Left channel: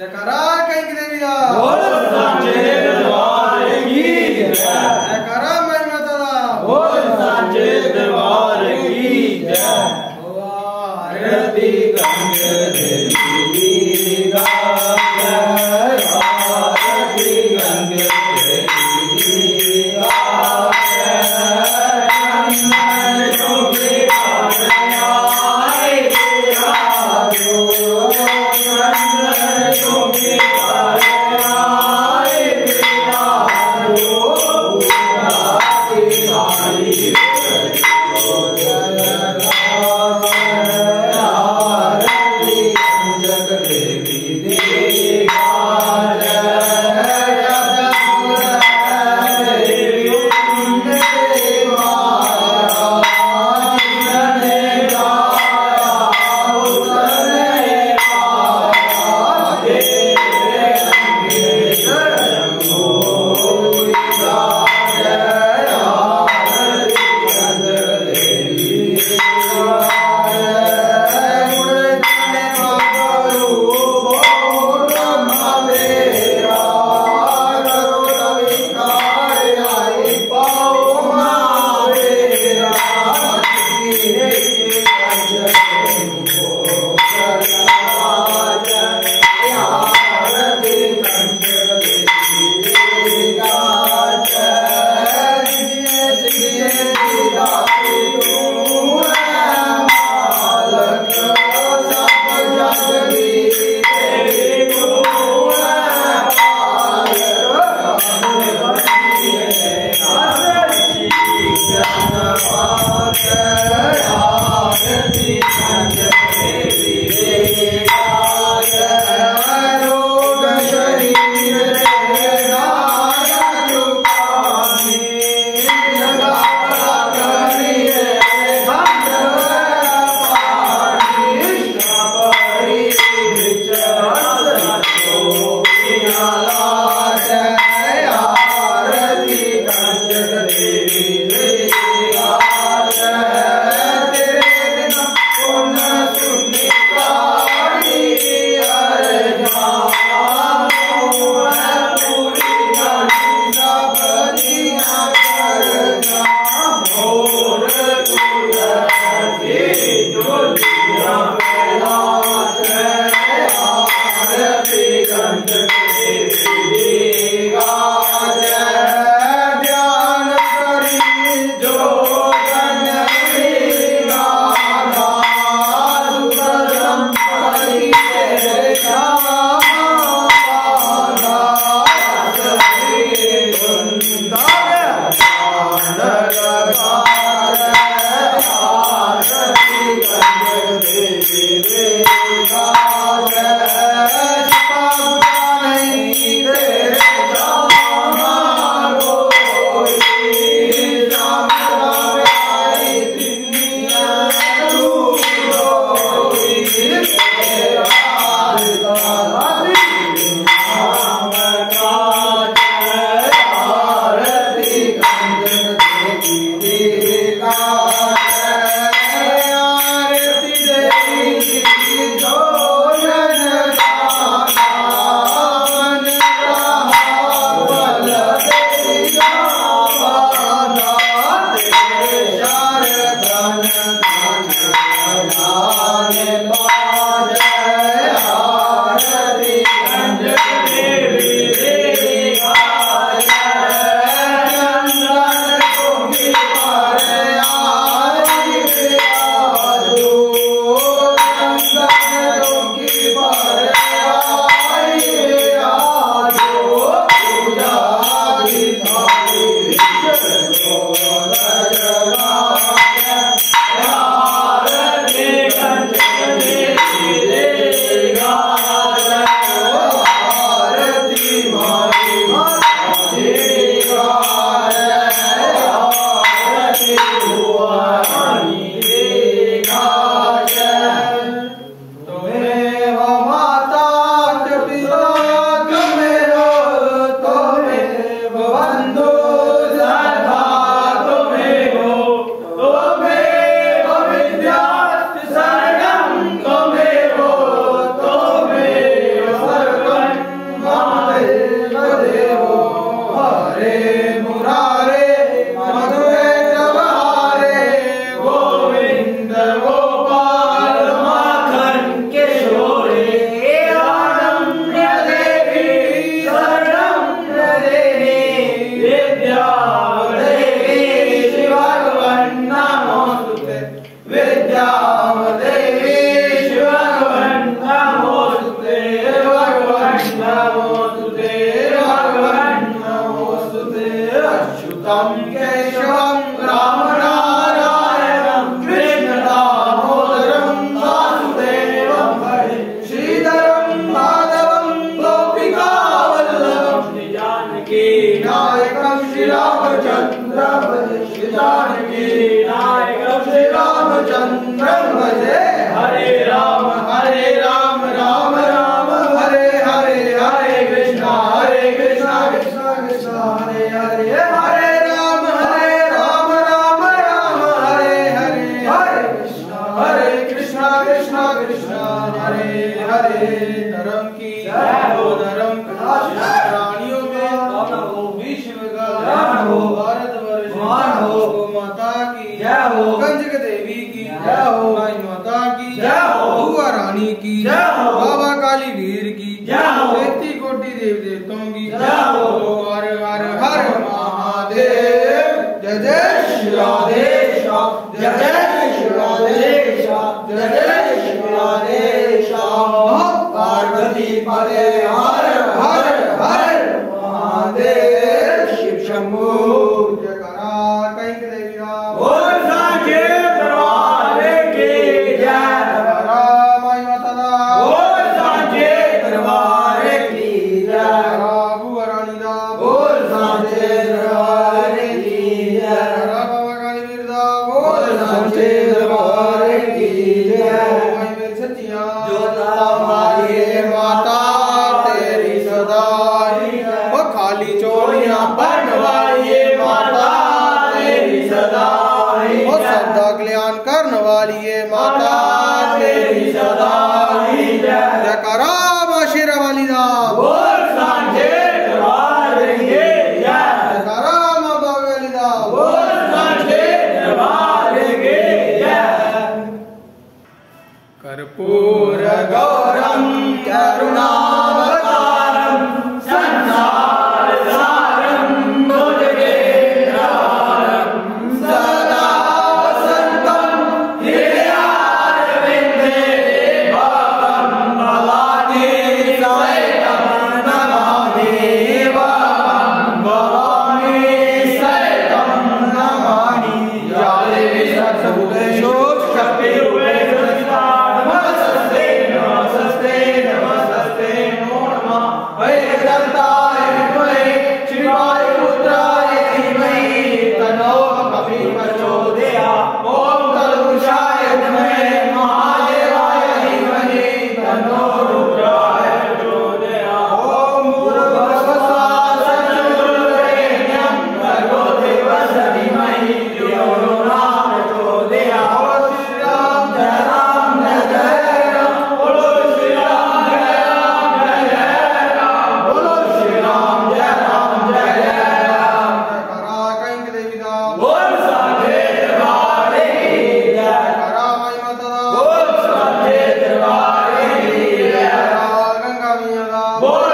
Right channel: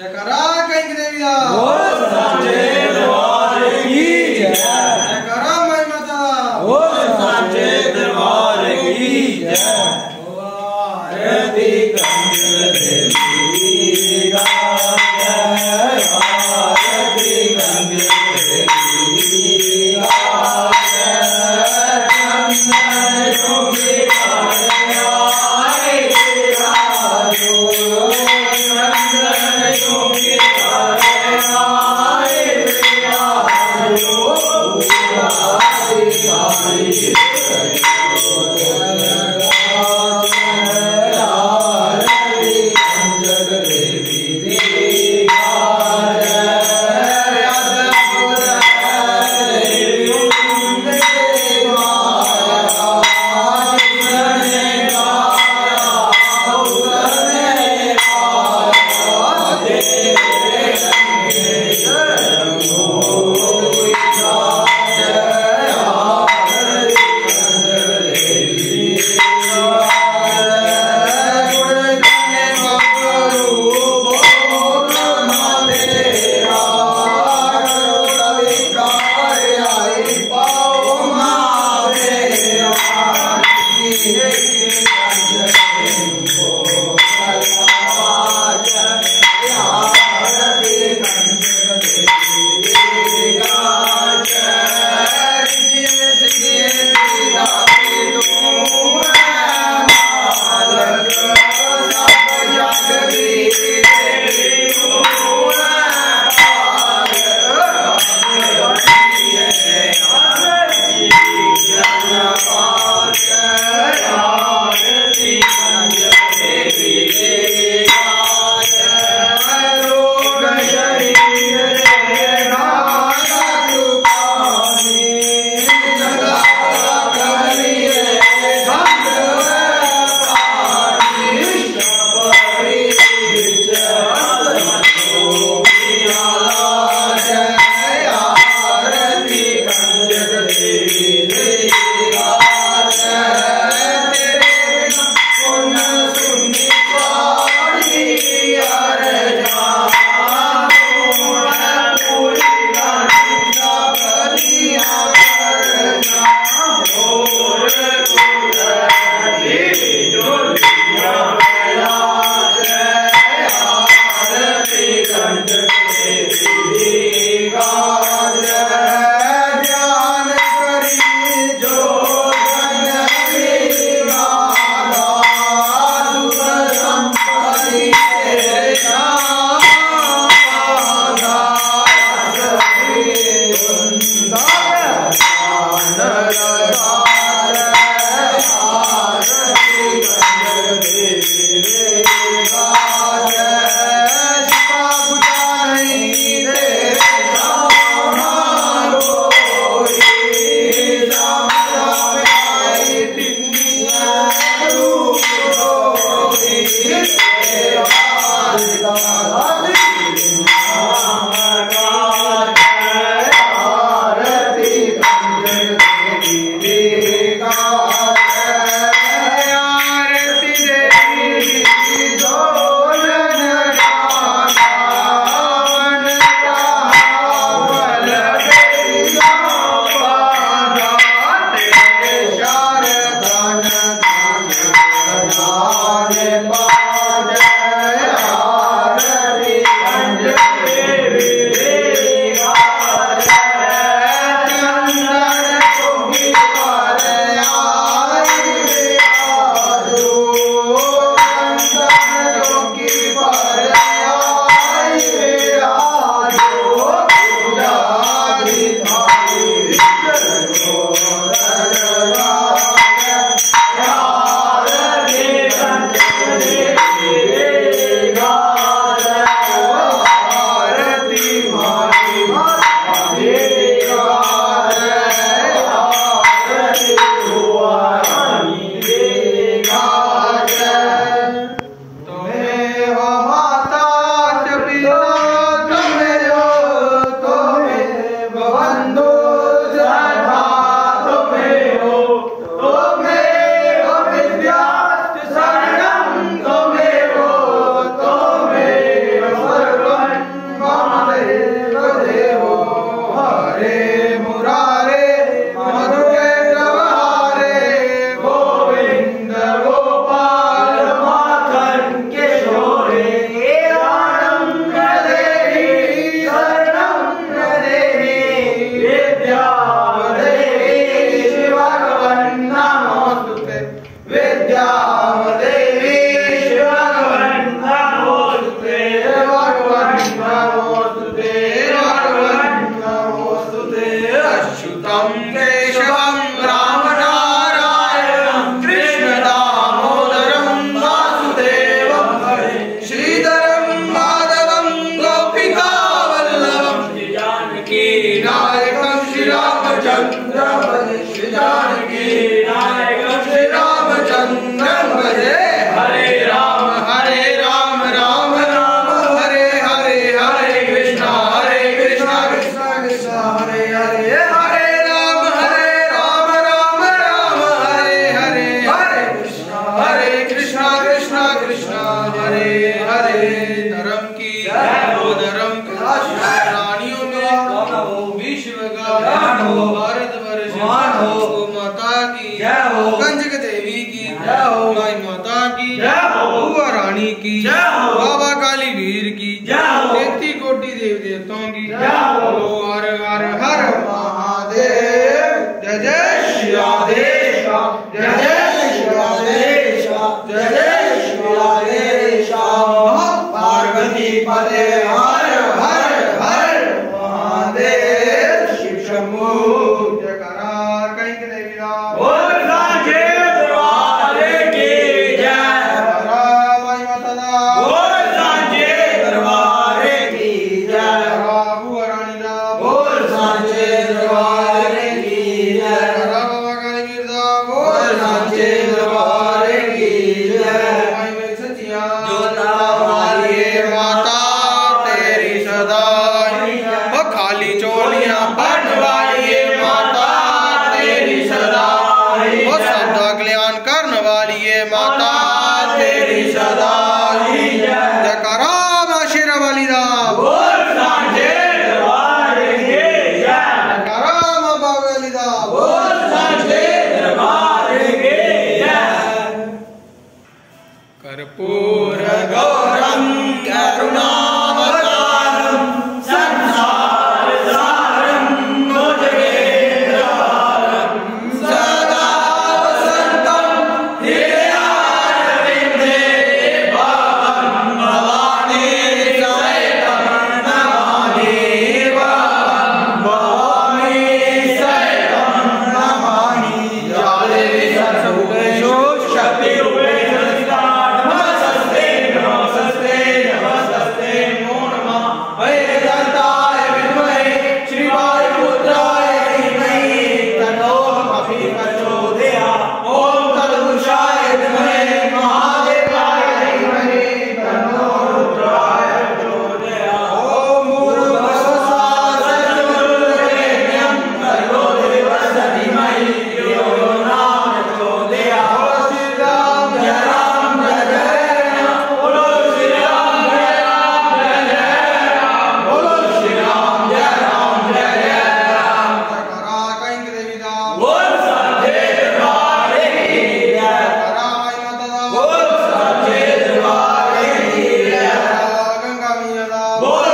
जयकारा कहीं देवी दा बोल सांचे दरबार की जय। जयकारा माई माता बोल सांचे दरबार की जय। आरती गंग देवी दा जय। आरती गंग देवी दा जय। चंदन चौकी आए आयो। चंदन चौकी Yeah. जानकी नायक श्री रामचंद्र भजे। हरे राम राम राम हरे हरे, हरे कृष्णा कृष्णा कृष्णा हरे हरे, हरे राम राम राम हरे हरे, हरे कृष्णा कृष्णा कृष्णा हरे हरे। धर्म की जय हो, धर्म प्राणियों में विश्व का हो, भारत वर्ष हो, माता की जय हो, कंजक देवी की जय हो, माई माता की जय हो, बुआ रानी की जय हो, बाबा काली वीर की जय हो, 33 कोटि देव देवताओं की जय हो। हर हर हर महादेव। जय जय श्री राधेश, जय जय श्री राधेश, जय जय श्री राधेश। पार्वती पदे हर हर हर महादेव। शिव शंभू जयकारा कहीं के देवी राम। बोल सांचे दरबार की जय। माई माता दा। बोल सांचे दरबार की जय। बुआ रानी दा। बोल सांचे दरबार की जय। बाबा काली वीर दा। बोल सांचे दरबार की जय। माई मेरी सच्चिया जोता वाली माता तेरी सदा, ओ खाली चोलियां भरने वाली माता तेरी सदा, ओ सबका कल्याण करने वाली माता तेरी सदा। जयकारा मां शेरा वाली दा। बोल सांचे दरबार की जय। जयकारा मां बाग वाली दा। बोल सांचे दरबार की जय। कर्पूर गौरम करुणावतारम संसार सारम भुजगेन्द्रहारम सदा वसंतम हृदयारविंदे भवं भवानी सहितं नमामि, भवं भवानी सहितं नमामि। या देवी सर्वभूतेषु शक्तिरूपेण नमस्ते नमस्ते नमस्ते नमो नमः। वैदन्ताय विद्महे शिवाय पुत्राय धीमहि तन्नो कपिः प्रचोदयात्। ओम तत्पुरुषाय विद्महे महादेवाय धीमहि तन्नो रुद्राय प्रचोदयात्। ओम भूर्भुवस्सुः सर्ववरेण्यं भर्गो देवस्य धीमहि धियो यो न प्रचोदयात्। जय राम जय राम, बोलो श्री राम जय राम जय राम, बोलो श्री राम जय राम जय राम। जयकारा कहीं के देवी दा। बोल सांचे दरबार की जय। जयकारा माई माता दा। बोल सांचे दरबार की जय। गंगा मैया दा। बोल